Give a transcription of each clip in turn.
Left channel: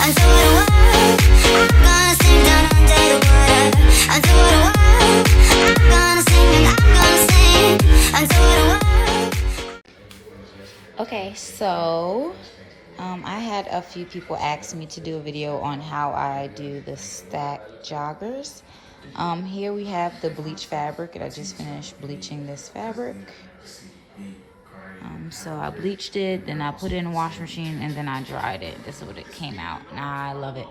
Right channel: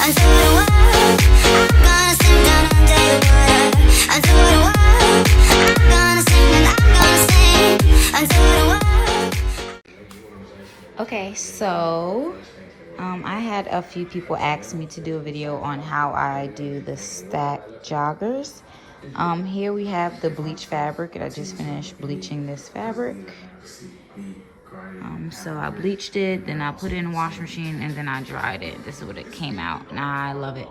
until the world. I'm gonna sing down under the water until the world. I'm gonna sing and I'm gonna sing until the world. Okay, so I had a few people ask me to do a video on how I do the Stack Joggers. Here we have the bleach fabric, and I just finished bleaching this fabric. So I bleached it, then I put it in the washing machine, and then I dried it. This is what it came out, and I love it.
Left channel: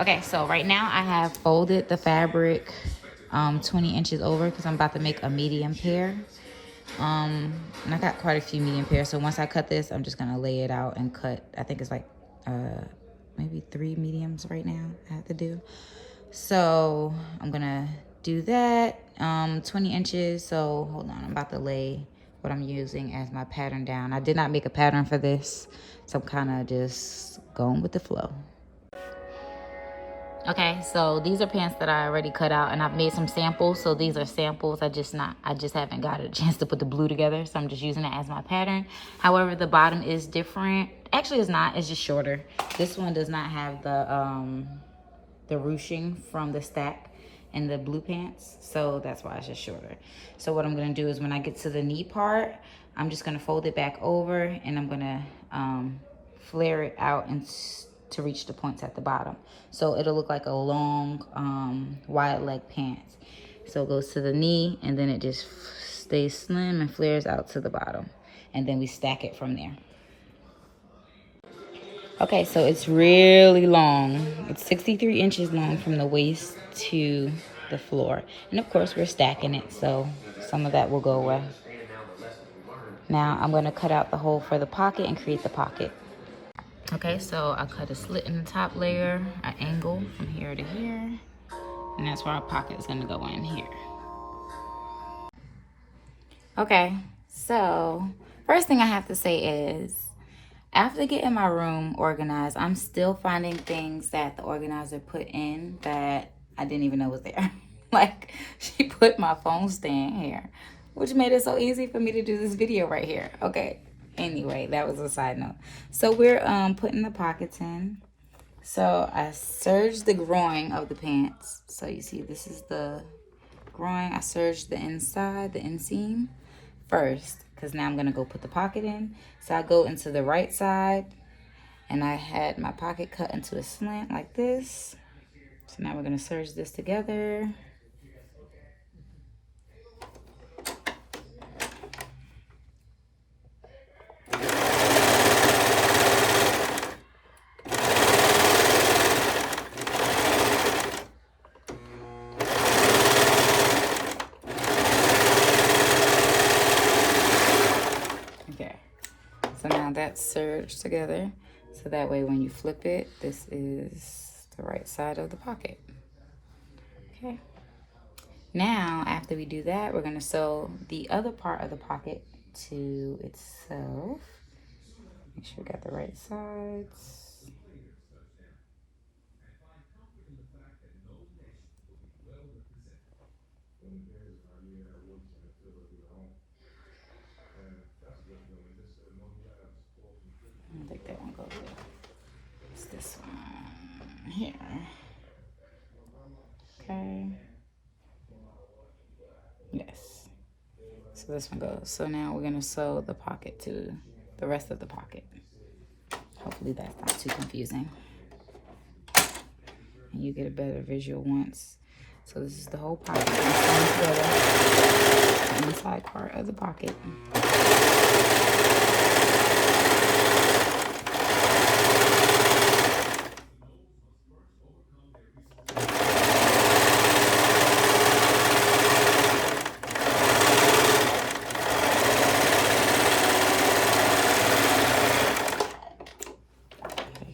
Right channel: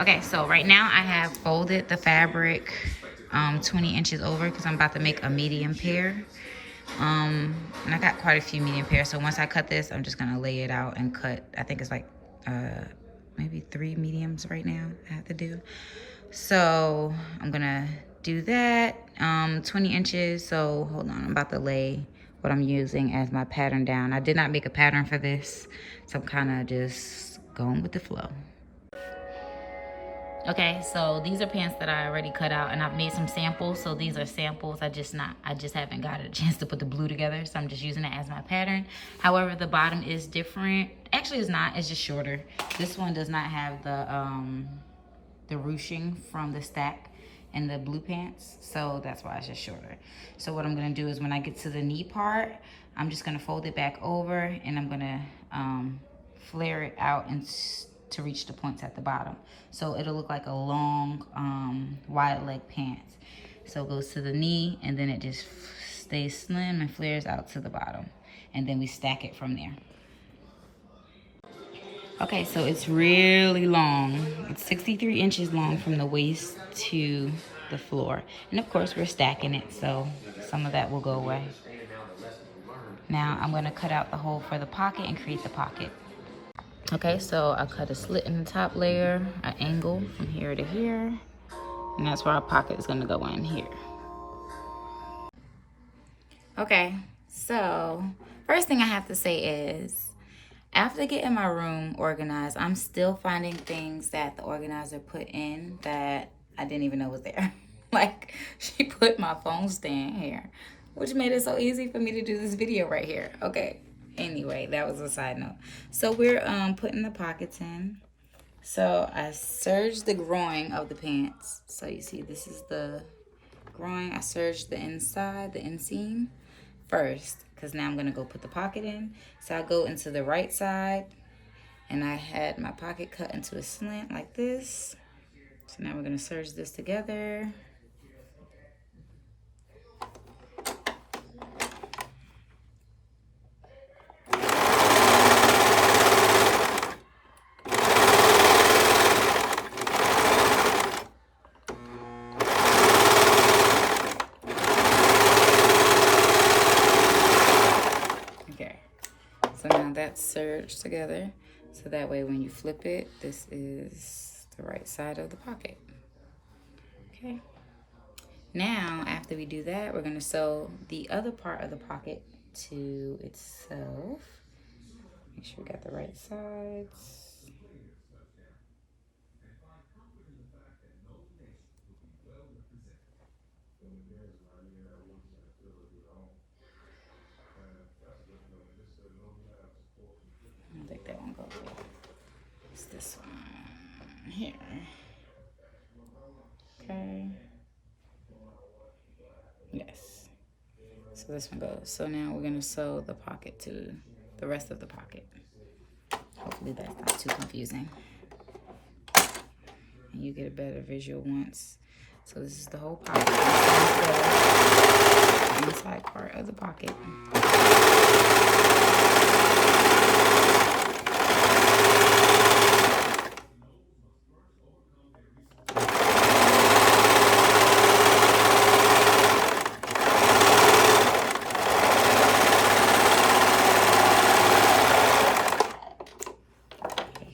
Okay, so right now I have folded the fabric 20 inches over because I'm about to make a medium pair. And I got quite a few medium pairs, so once I cut this, I'm just gonna lay it out and cut. I think it's like maybe 3 mediums right now I have to do. So I'm gonna do that 20 inches. So hold on, I'm about to lay what I'm using as my pattern down. I did not make a pattern for this, so I'm kind of just going with the flow. Okay, so these are pants that I already cut out, and I've made some samples. So these are samples. I just haven't got a chance to put the blue together, so I'm just using it as my pattern. However, the bottom is different. Actually, it's not. It's just shorter. This one does not have the ruching from the Stack and the blue pants, so that's why it's just shorter. So what I'm gonna do is when I get to the knee part, I'm just gonna fold it back over, and I'm gonna flare it out and to reach the points at the bottom, so it'll look like a long wide leg pants. So it goes to the knee, and then it just stays slim and flares out to the bottom, and then we stack it from there. Okay, so it's really long. It's 63 inches long from the waist to the floor, and of course we're stacking it, so some of that will go away. Now I'm going to cut out the hole for the pocket and create the pocket. Okay, so I cut a slit in the top layer, an angle from here to here, and that's where our pocket is gonna go in here. Okay, so first thing I have to say is, after getting my room organized, I'm still finding things that the organizer put in that I didn't even know was there. Like, she put my phone stand here, which made it so easy for me to do this video right here. Okay. Anyway, that was a side note. So we're putting the pockets in. So I serged the groin of the pants. So you see, this is the groin. I serged the inside, the inseam first, because now I'm gonna go put the pocket in. So I go into the right side, and I had my pocket cut into a slant like this. So now we're gonna serge this together. Serge together, so that way when you flip it, this is the right side of the pocket. Okay, now after we do that, we're going to sew the other part of the pocket to itself. Make sure we got the right sides. I think that one goes there. It's this one here. Okay. Yes. So this one goes. So now we're going to sew the pocket to the rest of the pocket. Hopefully that's not too confusing. And you get a better visual once. So this is the whole pocket. The inside part of the pocket.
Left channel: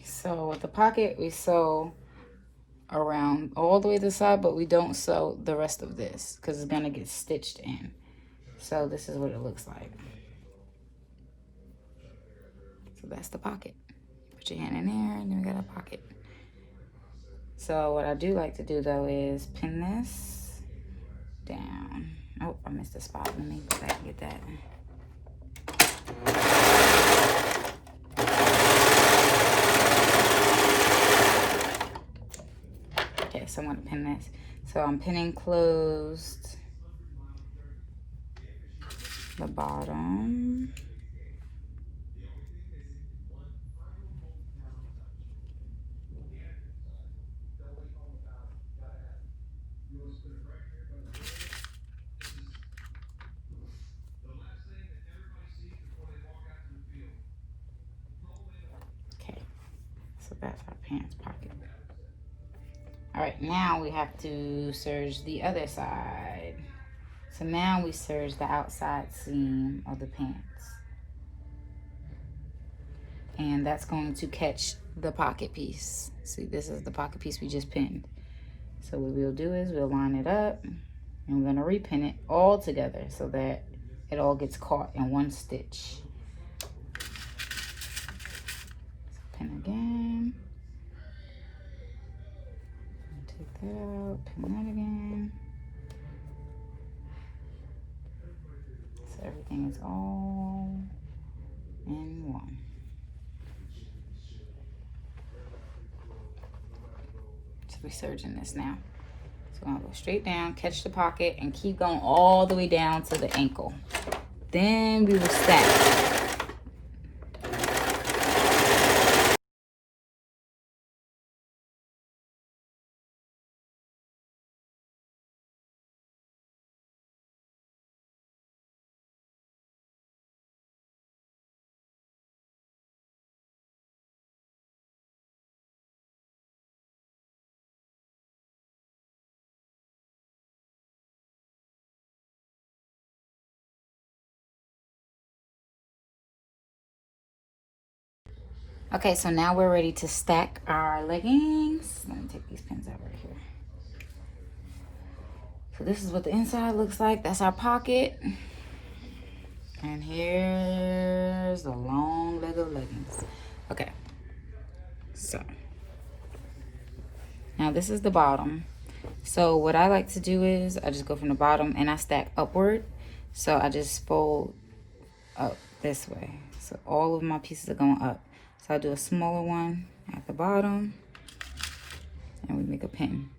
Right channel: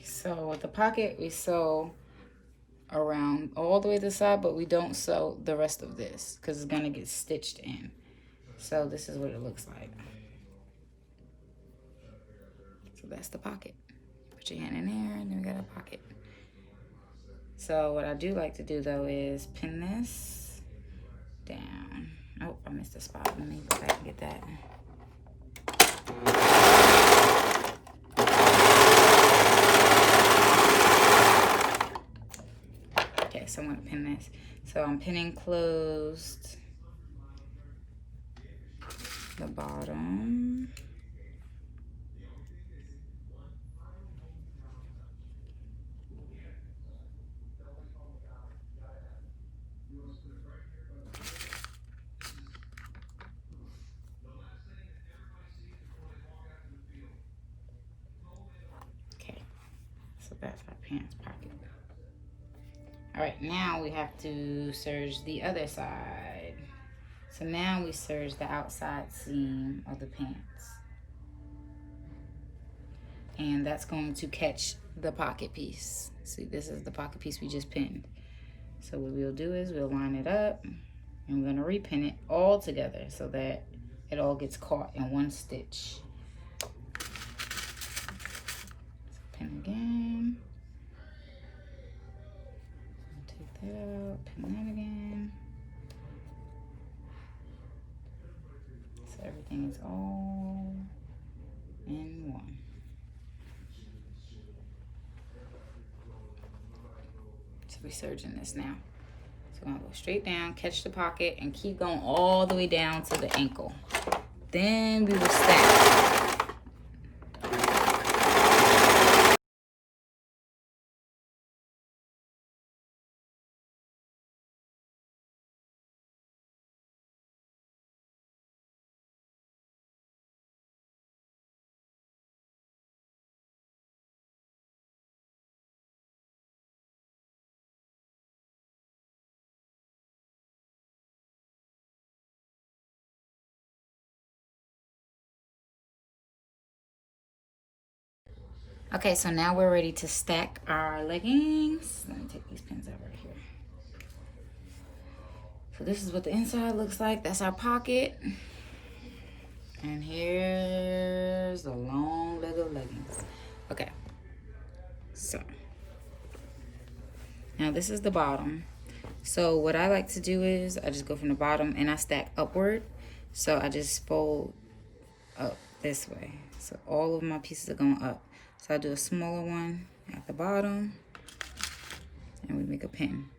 So with the pocket, we sew around all the way to the side, but we don't sew the rest of this because it's gonna get stitched in. So this is what it looks like. So that's the pocket. Put your hand in there, and then we got a pocket. So what I do like to do though is pin this down. Oh, I missed a spot. Let me go back and get that. So I'm pinning closed the bottom. Okay, so that's our pants pocket. All right, now we have to serge the other side. So now we serge the outside seam of the pants. And that's going to catch the pocket piece. See, this is the pocket piece we just pinned. So what we'll do is we'll line it up and we're gonna repin it all together so that it all gets caught in one stitch. Pin again. Take that out, pin that again. So everything is all in one. So we're serging this now. So we're gonna go straight down, catch the pocket, and keep going all the way down to the ankle. Then we will stack. Okay, so now we're ready to stack our leggings. Let me take these pins out right here. So this is what the inside looks like. That's our pocket. And here's a long leg of leggings. Okay, so now this is the bottom. So what I like to do is I just go from the bottom and I stack upward. So I just fold up this way. So all of my pieces are going up. So I do a smaller one at the bottom and we make a pin.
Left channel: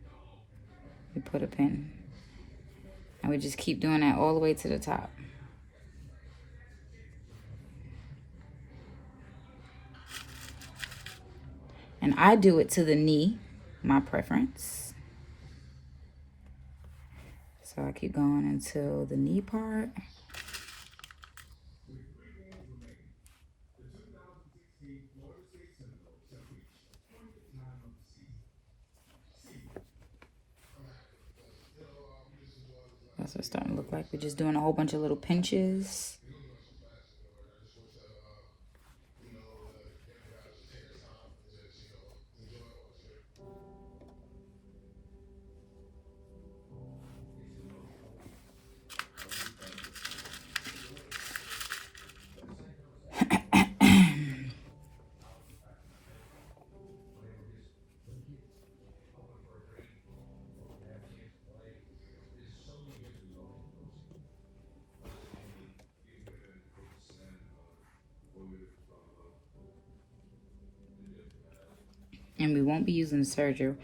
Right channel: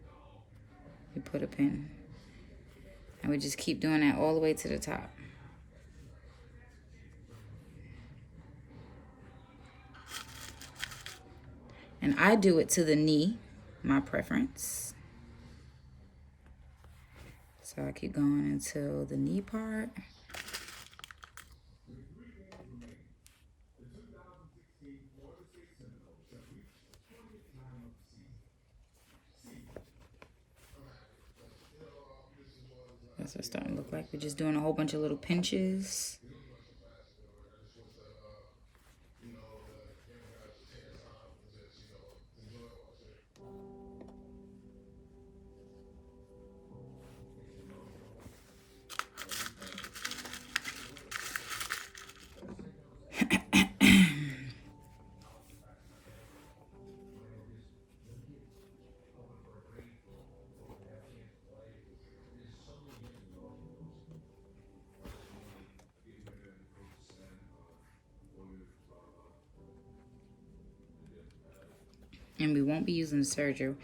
We put a pin. And we just keep doing that all the way to the top. And I do it to the knee, my preference. So I keep going until the knee part. That's what it's starting to look like. We're just doing a whole bunch of little pinches. And we won't be using serger.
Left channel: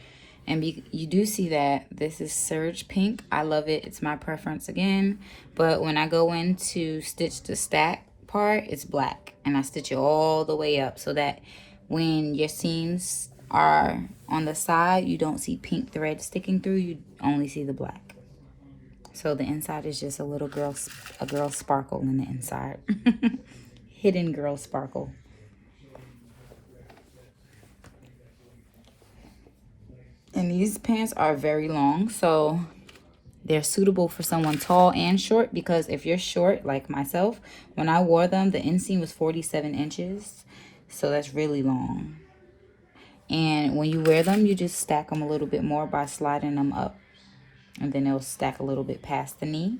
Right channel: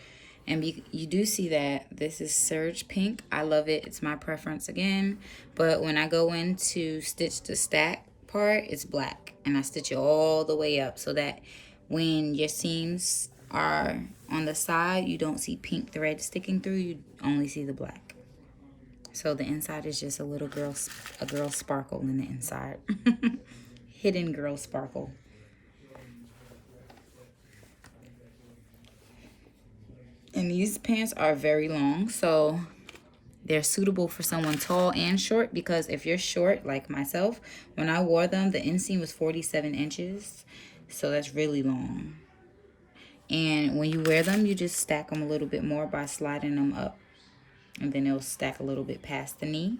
And you do see that this is serge pink. I love it. It's my preference again. But when I go in to stitch the stack part, it's black. And I stitch it all the way up so that when your seams are on the side, you don't see pink thread sticking through. You only see the black. So the inside is just a girl sparkle in the inside. Hidden girl sparkle. And these pants are very long, so they're suitable for someone tall and short, because if you're short like myself, when I wore them, the inseam was 47 inches. So that's really long. And when you wear them, you just stack them a little bit more by sliding them up. And then they'll stack a little bit past the knee.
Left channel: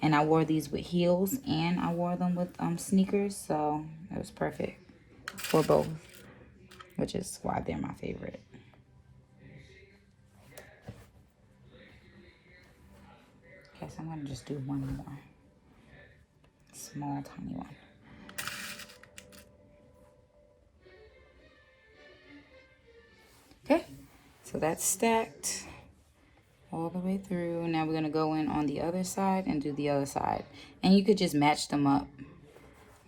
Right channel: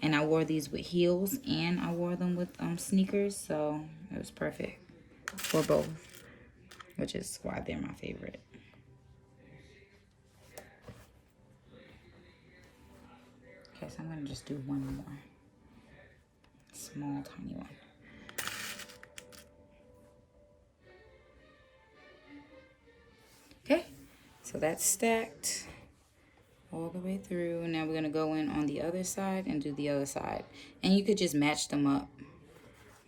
And I wore these with heels and I wore them with sneakers. So it was perfect for both, which is why they're my favorite. Okay, so I'm going to just do one more. Small, tiny one. Okay, so that's stacked. all the way through. Now we're going to go in on the other side and do the other side. And you could just match them up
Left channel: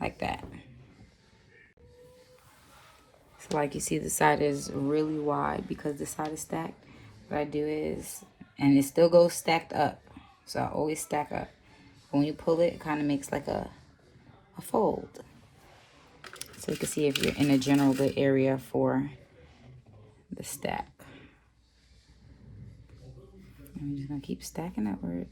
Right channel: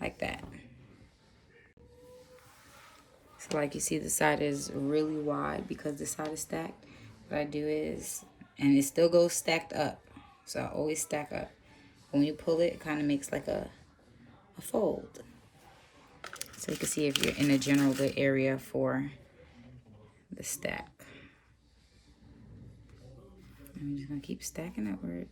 like that. So like you see, the side is really wide because the side is stacked. What I do is, and it still goes stacked up. So I always stack up. When you pull it, it kind of makes like a fold. So you can see if you're in a general good area for the stack. I'm just gonna keep stacking upward.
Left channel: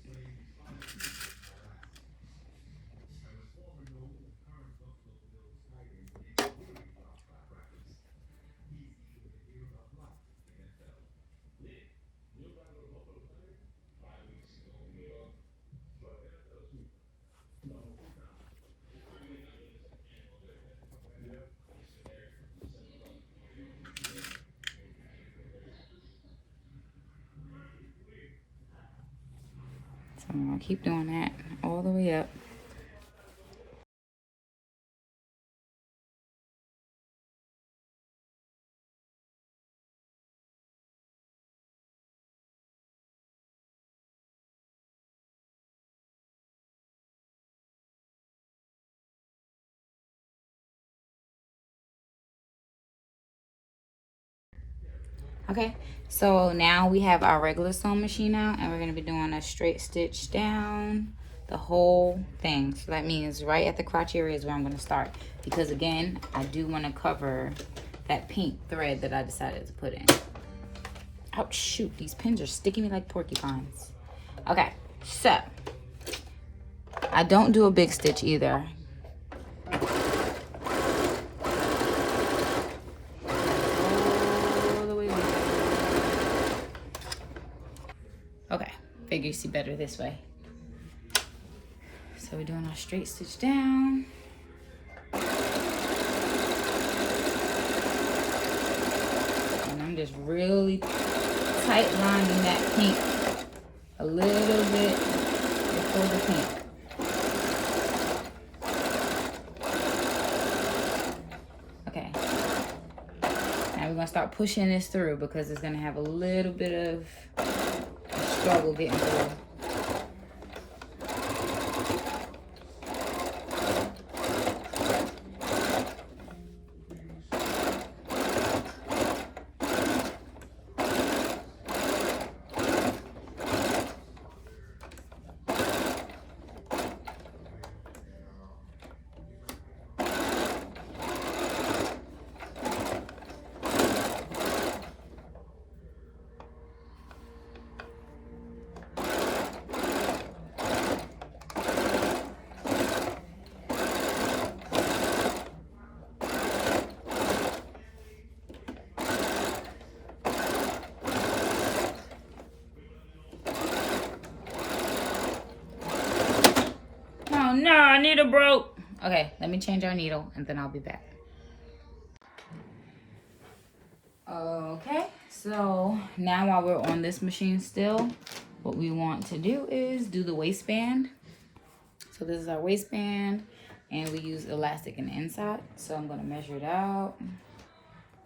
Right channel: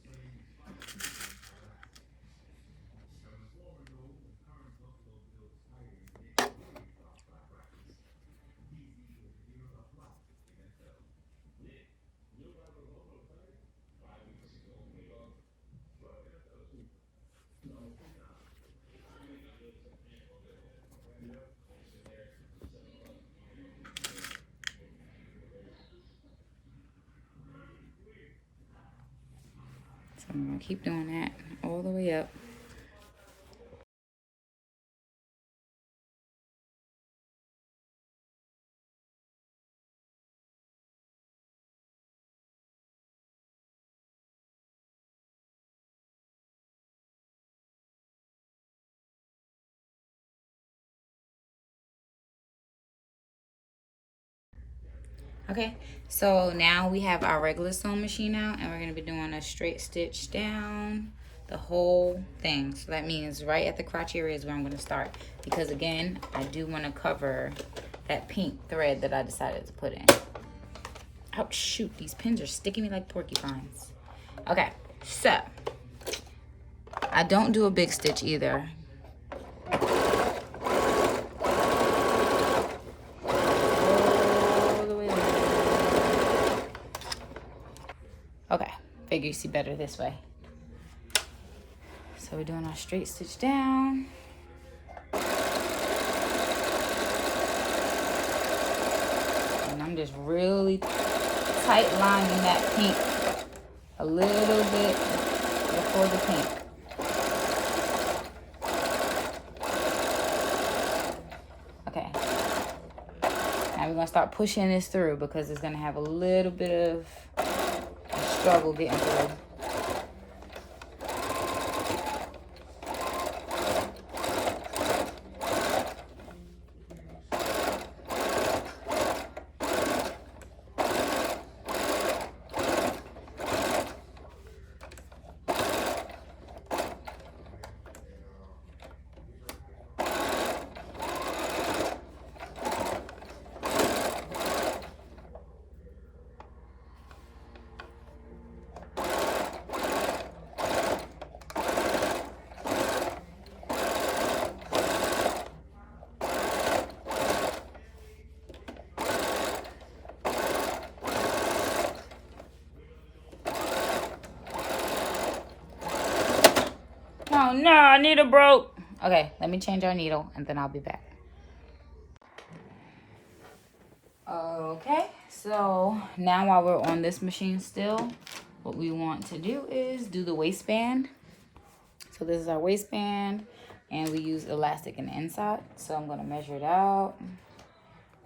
So I'm gonna keep doing that all the way up. Okay, so now we have our regular sewing machine out, and we're gonna be doing a straight stitch down the whole thing. So that means right at the crotch area is where I'm gonna start, because again, I do want to cover that pink thread that I decided to put in. Ouch, shoot, these pins are sticking me like porcupines. Okay, so I don't do a big stitch either. Okay, figure you see better this way. So we're doing our straight stitch down. And I'm just really tight lining that pink a little bit before the pink. Okay. Now we're gonna start pushing this through because it's gonna have a little bit of struggle getting through. Oh no, our needle broke. Okay, let me change our needle and then I'll be back. Okay, so now while we're on this machine still, what we want to do is do the waistband. So this is our waistband, and we use elastic in the inside. So I'm gonna measure it out,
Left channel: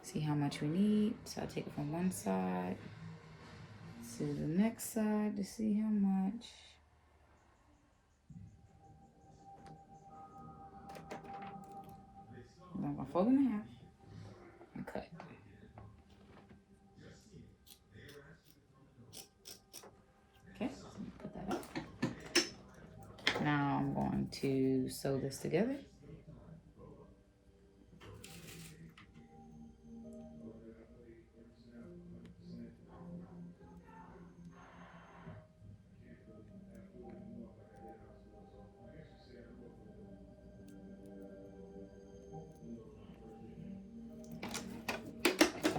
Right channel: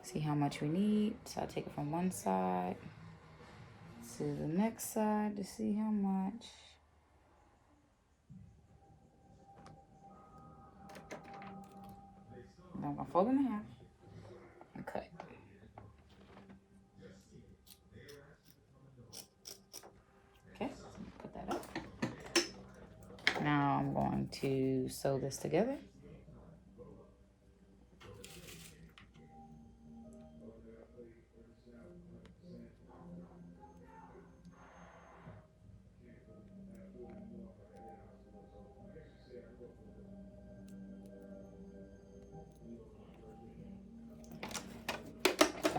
see how much we need. So I take it from one side to the next side to see how much. And I'm gonna fold it in half and cut. Okay, so put that up. Now I'm going to sew this together.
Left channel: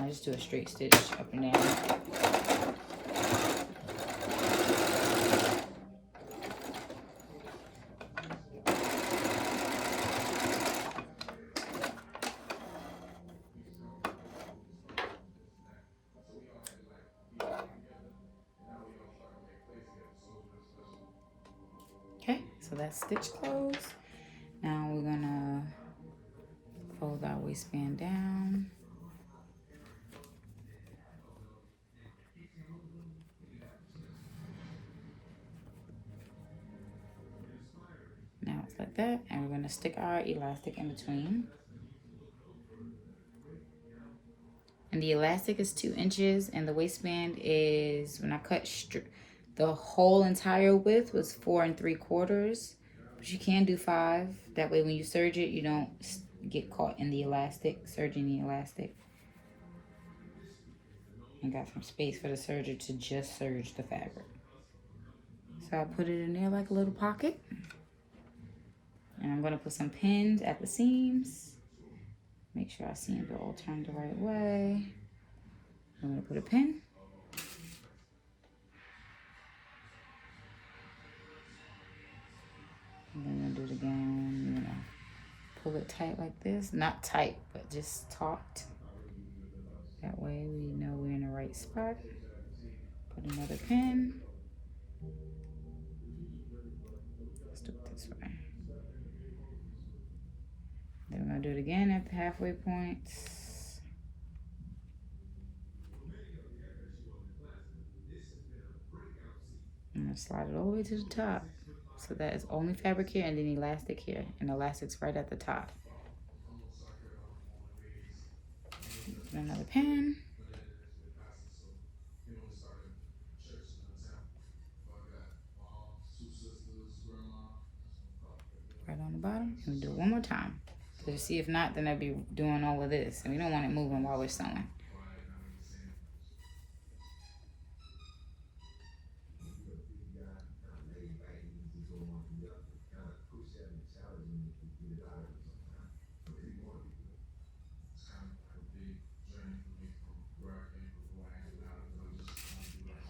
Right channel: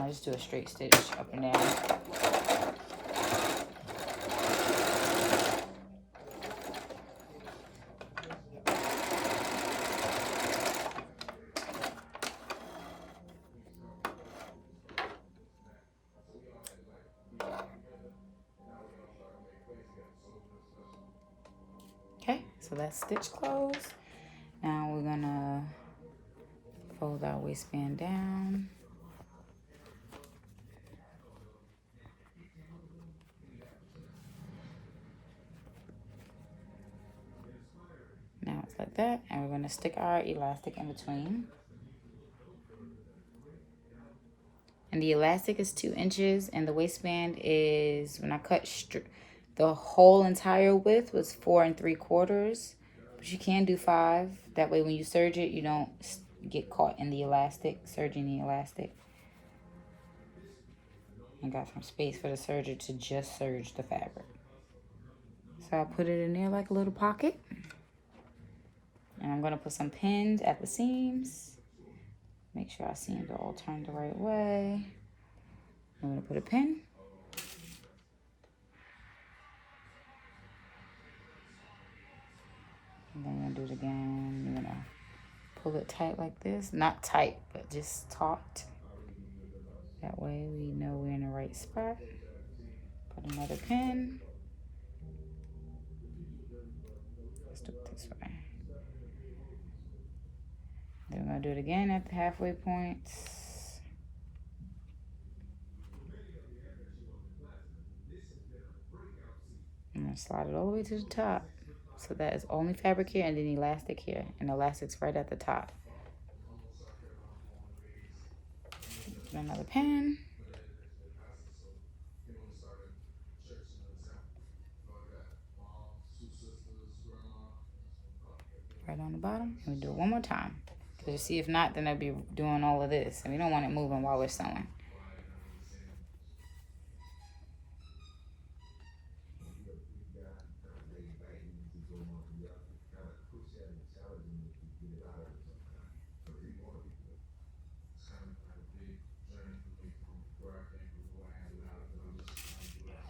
I just do a straight stitch up and down. Okay, so that's stitch closed. Now we're gonna fold our waistband down. like that. And we're gonna stick our elastic in between. And the elastic is 2 inches, and the waistband is, when I cut the whole entire width was 4 3/4, but you can do 5. That way when you serge it, you don't get caught in the elastic, serging the elastic. And got some space for the serger to just serge the fabric. So I put it in there like a little pocket. And I'm gonna put some pins at the seams. Make sure our seams are all turned the right way. I'm gonna put a pin. And then I'm gonna do it again. I'm gonna pull it tight like this. Not tight, but just taut. That way we know we're in the right spot. Put another pin. Let's do it this way. Then we're gonna do it again at the halfway points. I'm gonna slide it all the way to the top. So that is only fabric here and then elastic here. And the elastic's right at the top. Put another pin. Right on the bottom. We'll do it one more time. Because you see, if not, then I'd be doing all of this. And we don't want it moving while we're sewing.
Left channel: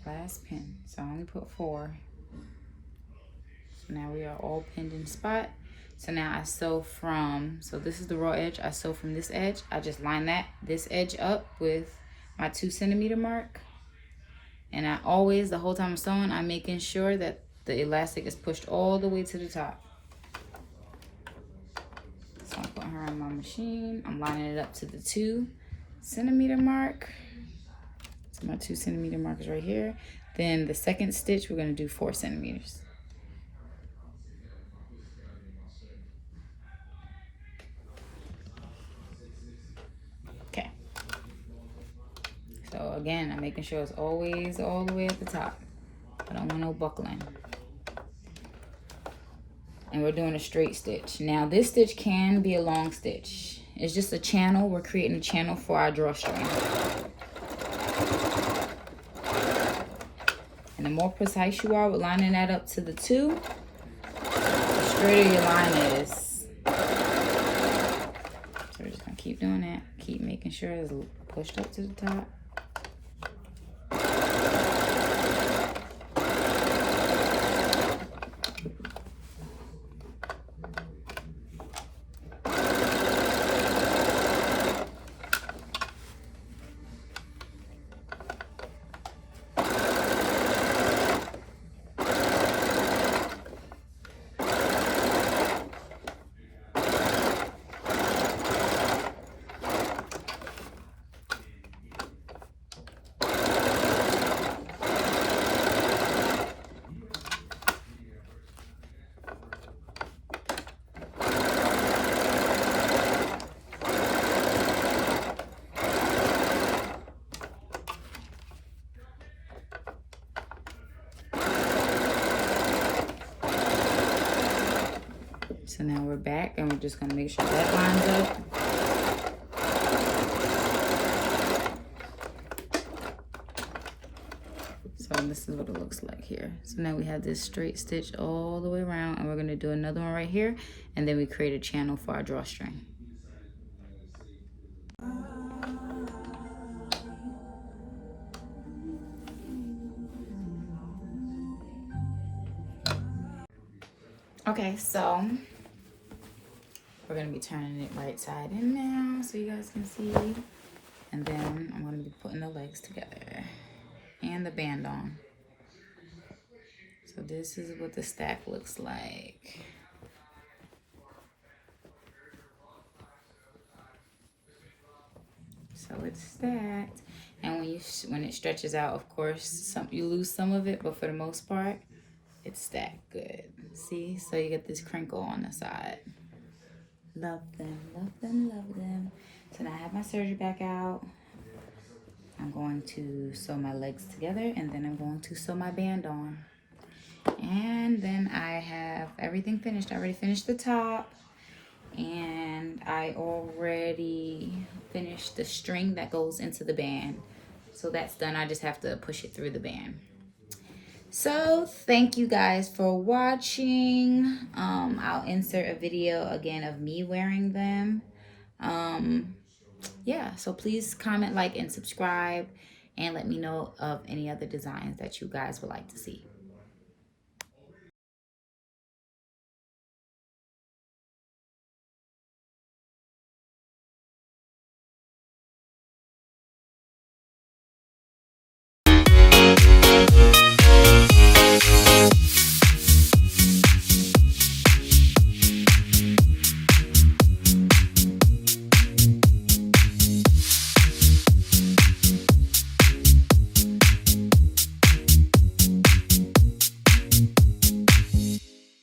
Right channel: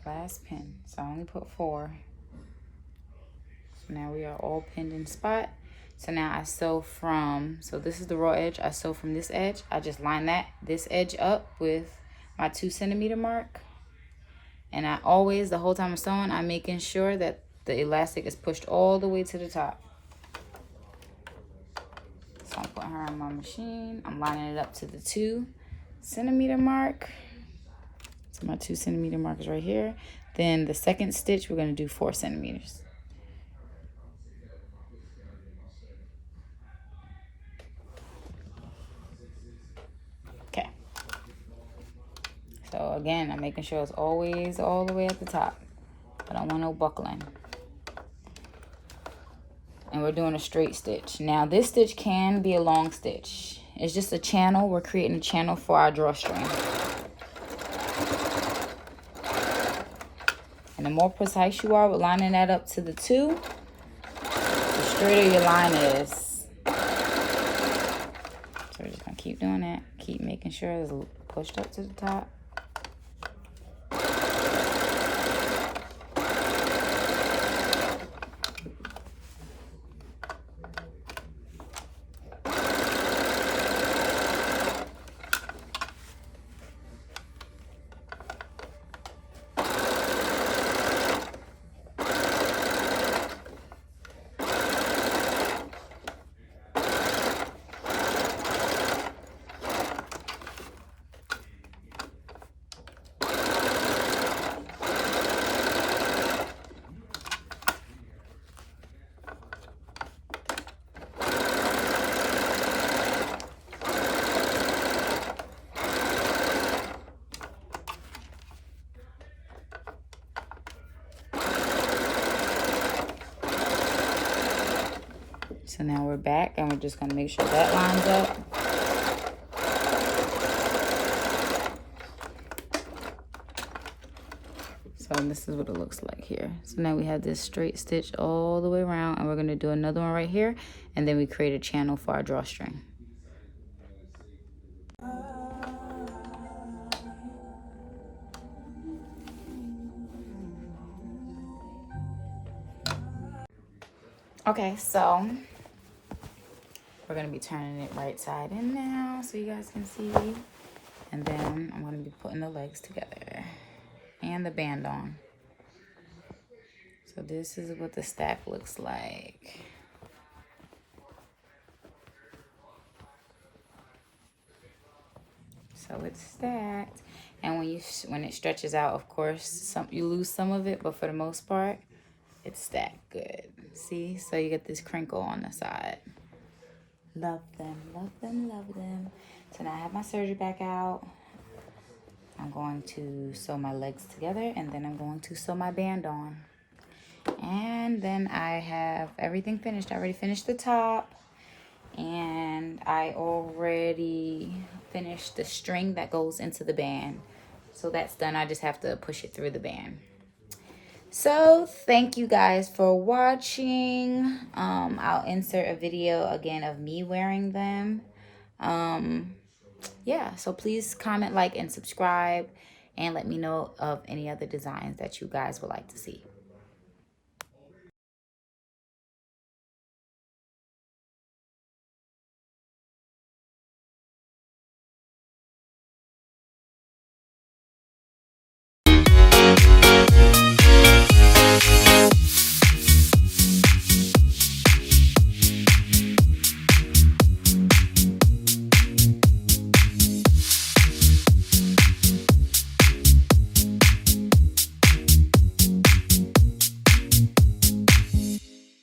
Last pin. So I only put 4. So now we are all pinned in spot. So now I sew from, so this is the raw edge. I sew from this edge. I just line this edge up with my 2 centimeter mark. And I always, the whole time I'm sewing, I'm making sure that the elastic is pushed all the way to the top. So I'm putting her on my machine. I'm lining it up to the 2 centimeter mark. So my 2 centimeter mark is right here. Then the second stitch, we're gonna do 4 centimeters. Okay. So again, I'm making sure it's always all the way at the top. I don't want no buckling. And we're doing a straight stitch. Now this stitch can be a long stitch. It's just a channel. We're creating a channel for our drawstring. And the more precise you are with lining that up to the 2, the straighter your line is. So we're just gonna keep doing that. Keep making sure it's pushed up to the top. So now we're back and we're just gonna make sure that lines up. So this is what it looks like here. So now we have this straight stitch all the way around, and we're gonna do another one right here, and then we create a channel for our drawstring. Okay, so we're gonna be turning it right side in now so you guys can see. And then I'm gonna be putting the legs together and the band on. So this is what the stack looks like. So it's stacked. And when it stretches out, of course, you lose some of it, but for the most part, it's stacked good. See, so you get this crinkle on the side. Love them, love them, love them. So now I have my serger back out. I'm going to sew my legs together, and then I'm going to sew my band on. And then I have everything finished. I already finished the top, and I already finished the string that goes into the band. So that's done. I just have to push it through the band. So thank you guys for watching. I'll insert a video again of me wearing them. Yeah, so please comment, like, and subscribe, and let me know of any other designs that you guys would like to see.